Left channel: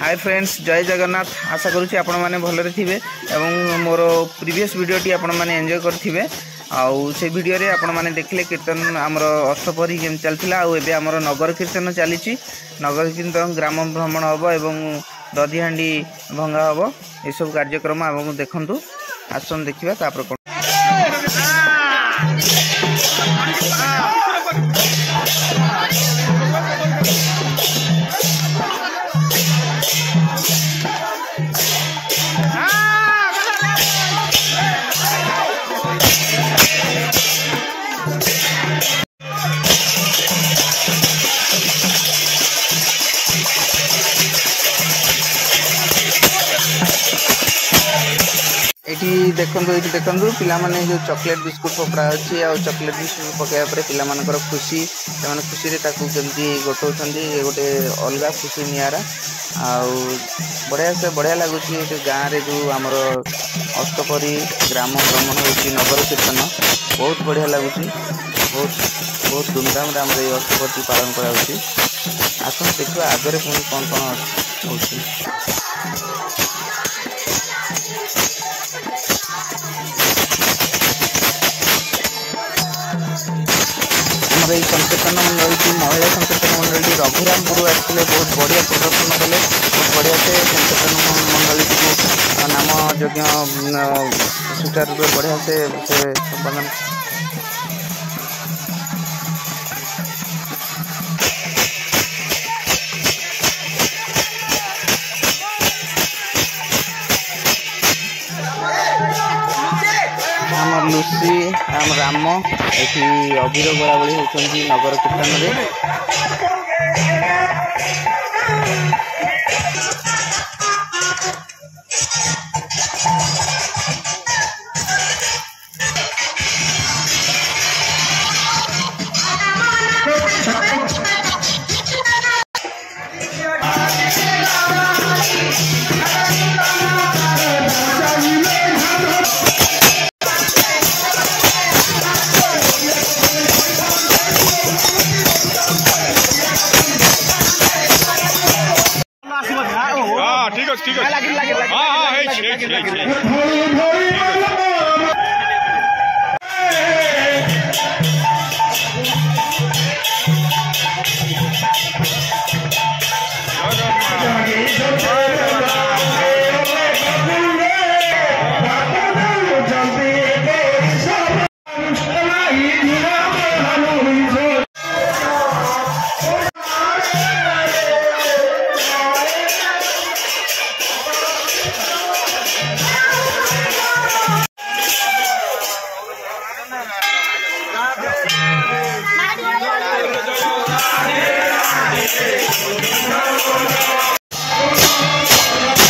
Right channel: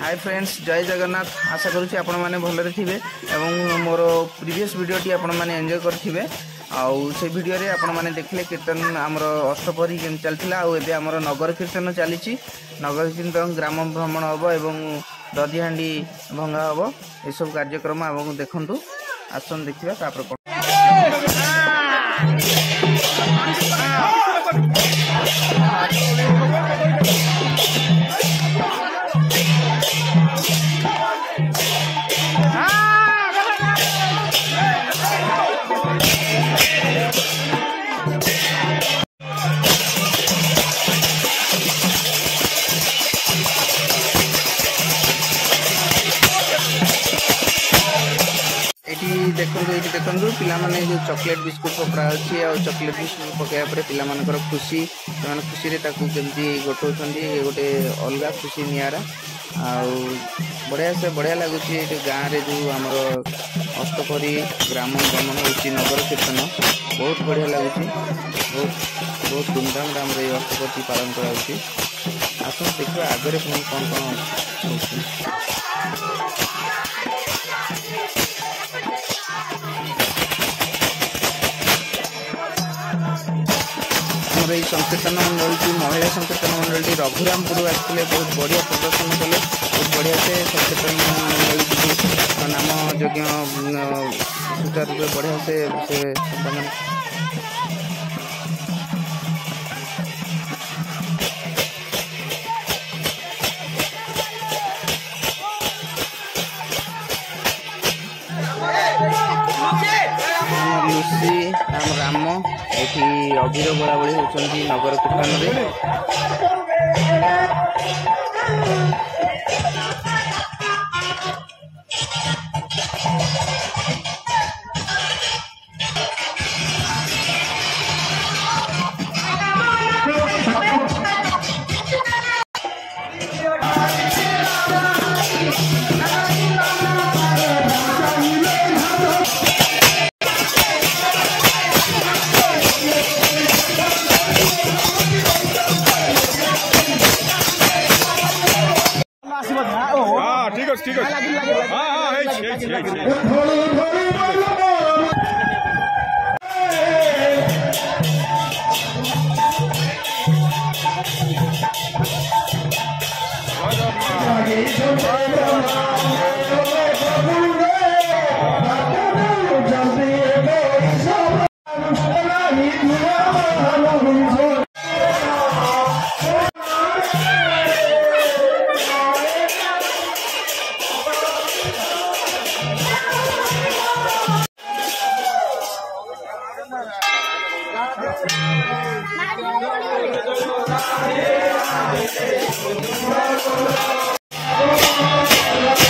Hi friends, जय जगन्नाथ। आशा करुँच आपण मैंने भलरे थे और मोर प्रीवियस वीडियोटी आपण मैंने एंजॉय करेंगे। आउ से वीडियो रे आपण मैंने देखले कीर्तन आमर अष्टपहरी केम चलता आउ आमर नगर कीर्तन चली। नगर कीर्तन ग्राम भ्रमण हम और दधिहांडी भंगा हम यू कार्यक्रम आप देखु। आसन देखा तापर कौन देखो पिला माने जो चॉकलेट बिस्कुट पकड़ा अच्छी आ चॉकलेट बिस्कुट पकड़ा पिला खुशी से खुशी केमती गोटाउंट ये गोटे अलग खुशी निरा बढ़िया लगुच गाँव रे जो आमर अष्टपहरी ग्राम भ्रमण हो नगर कीर्तन बहुत बढ़िया लगुच। बहुत धूमधाम आम अष्टपहरी पालन कर आसन देखा आगे पुणी कौन कौन हो। आमर ये संकीर्तन मंडल की महिला संकीर्तन मंडल रघुरामपुर आते बहुत बढ़िया प्रदर्शन कले। बहुत बढ़िया से संकीर्तन मंडल को नाम यज्ञ सुचारू रूप बढ़िया से संपादन। आम लुसी आम राम ये अबीर बोलाबली होती नगर कीर्तन रे। ठीक है Thank you.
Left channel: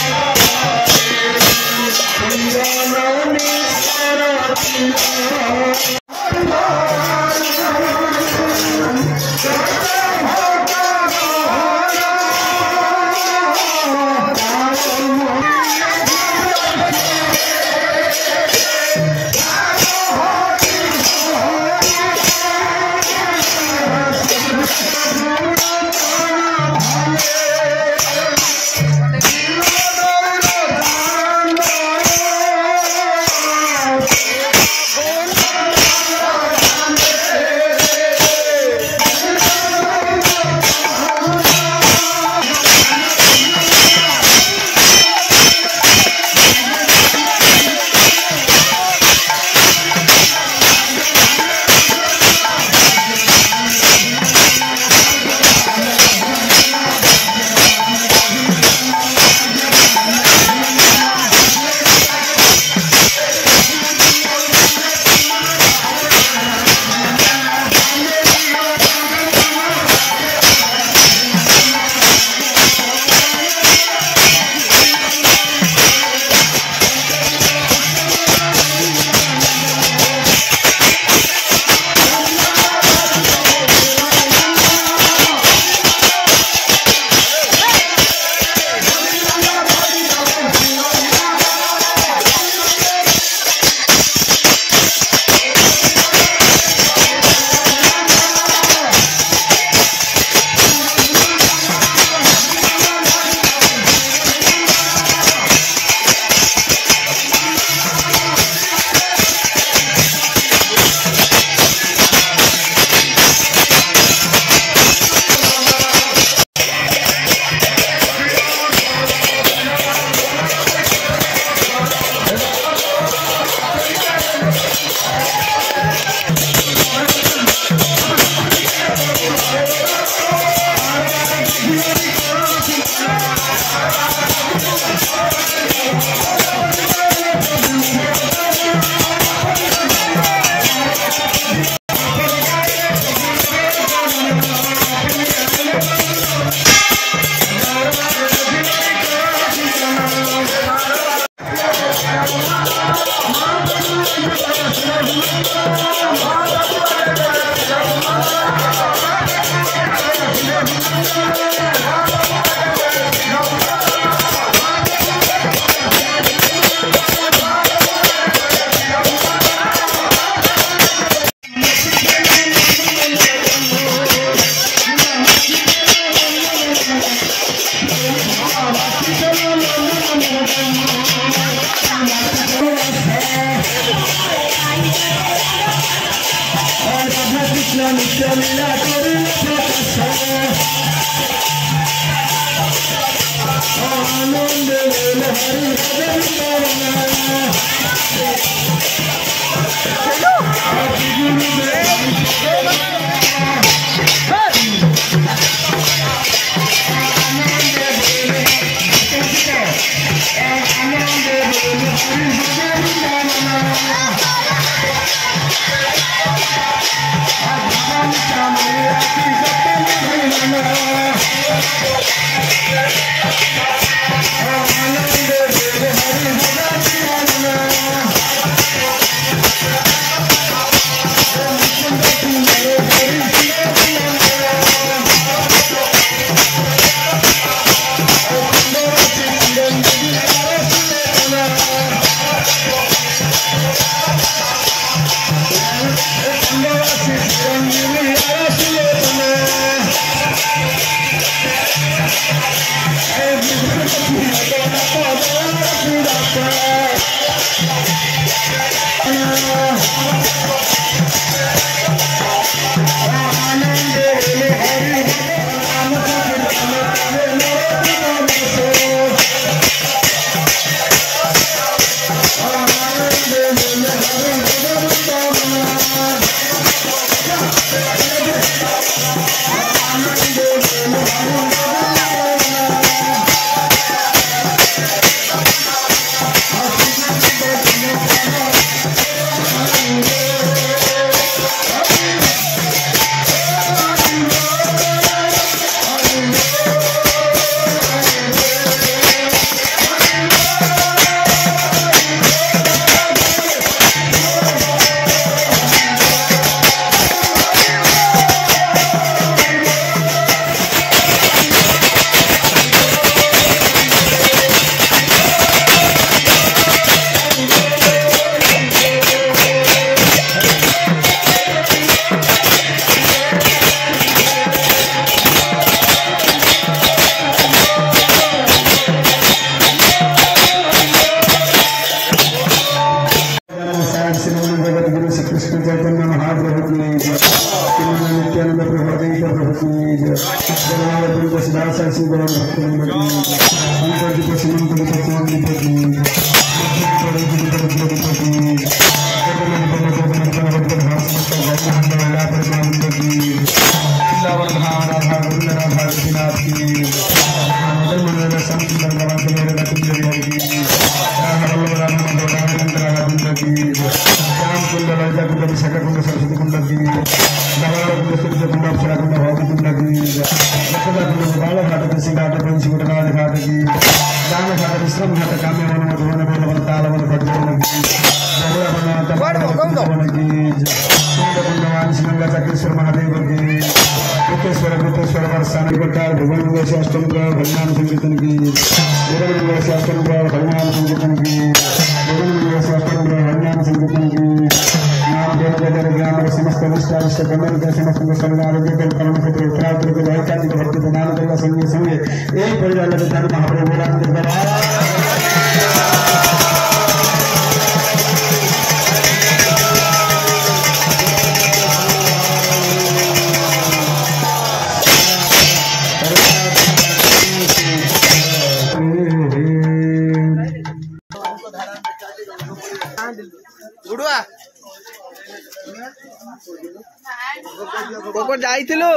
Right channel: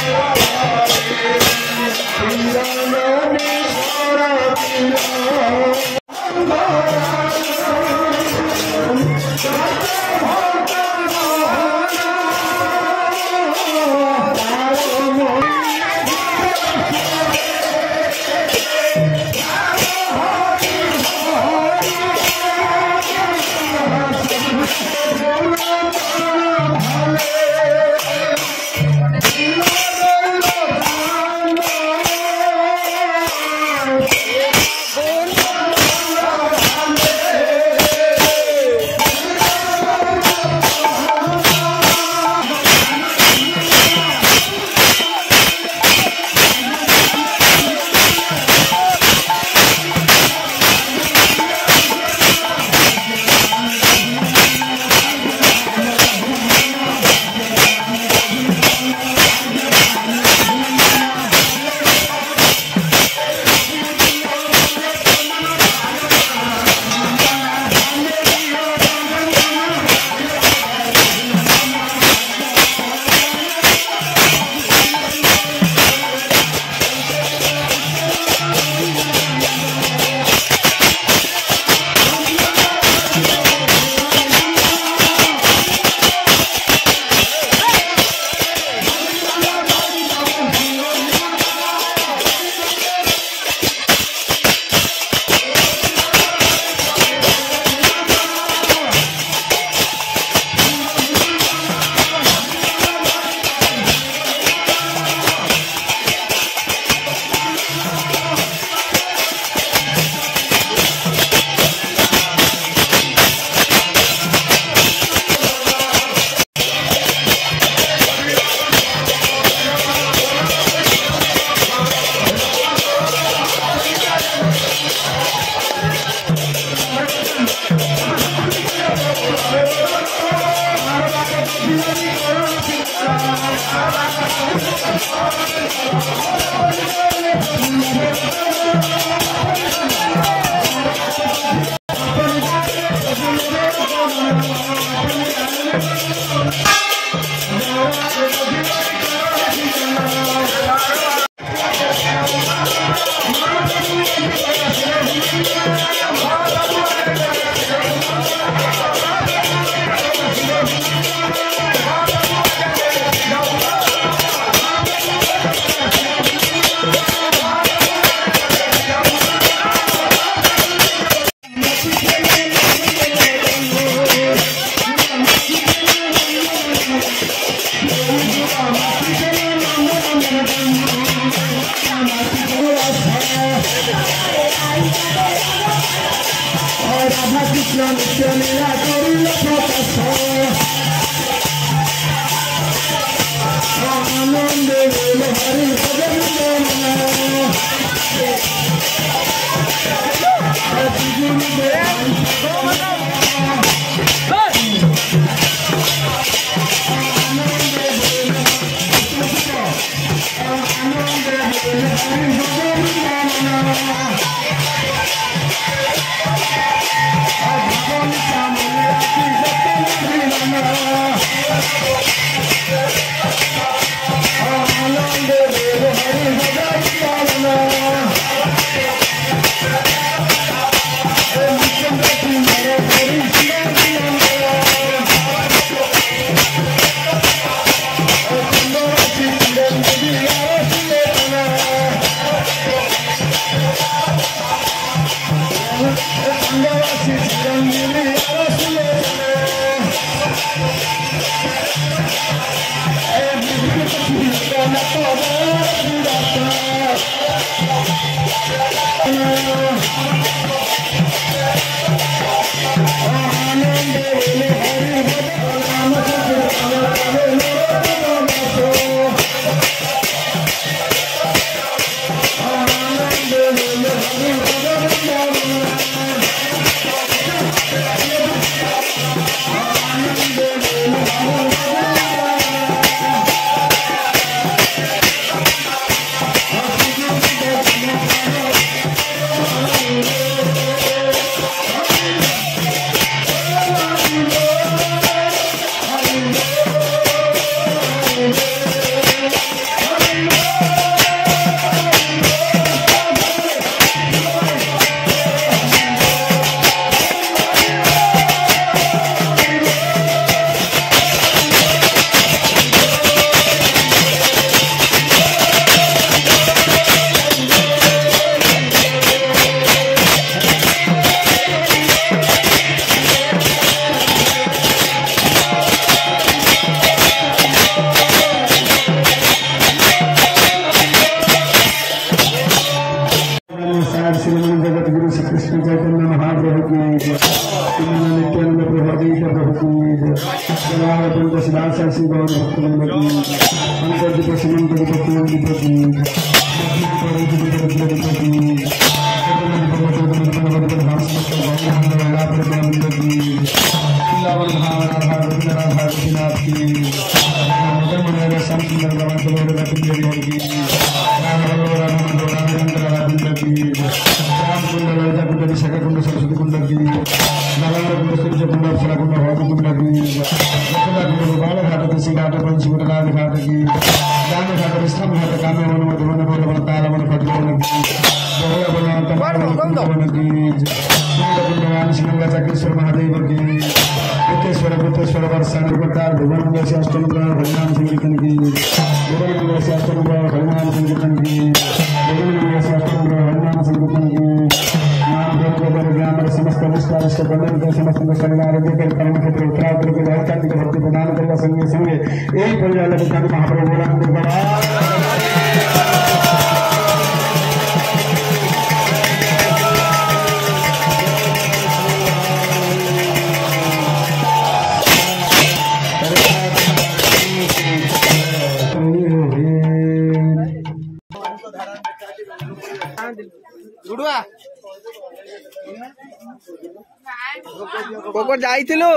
जाइथिलु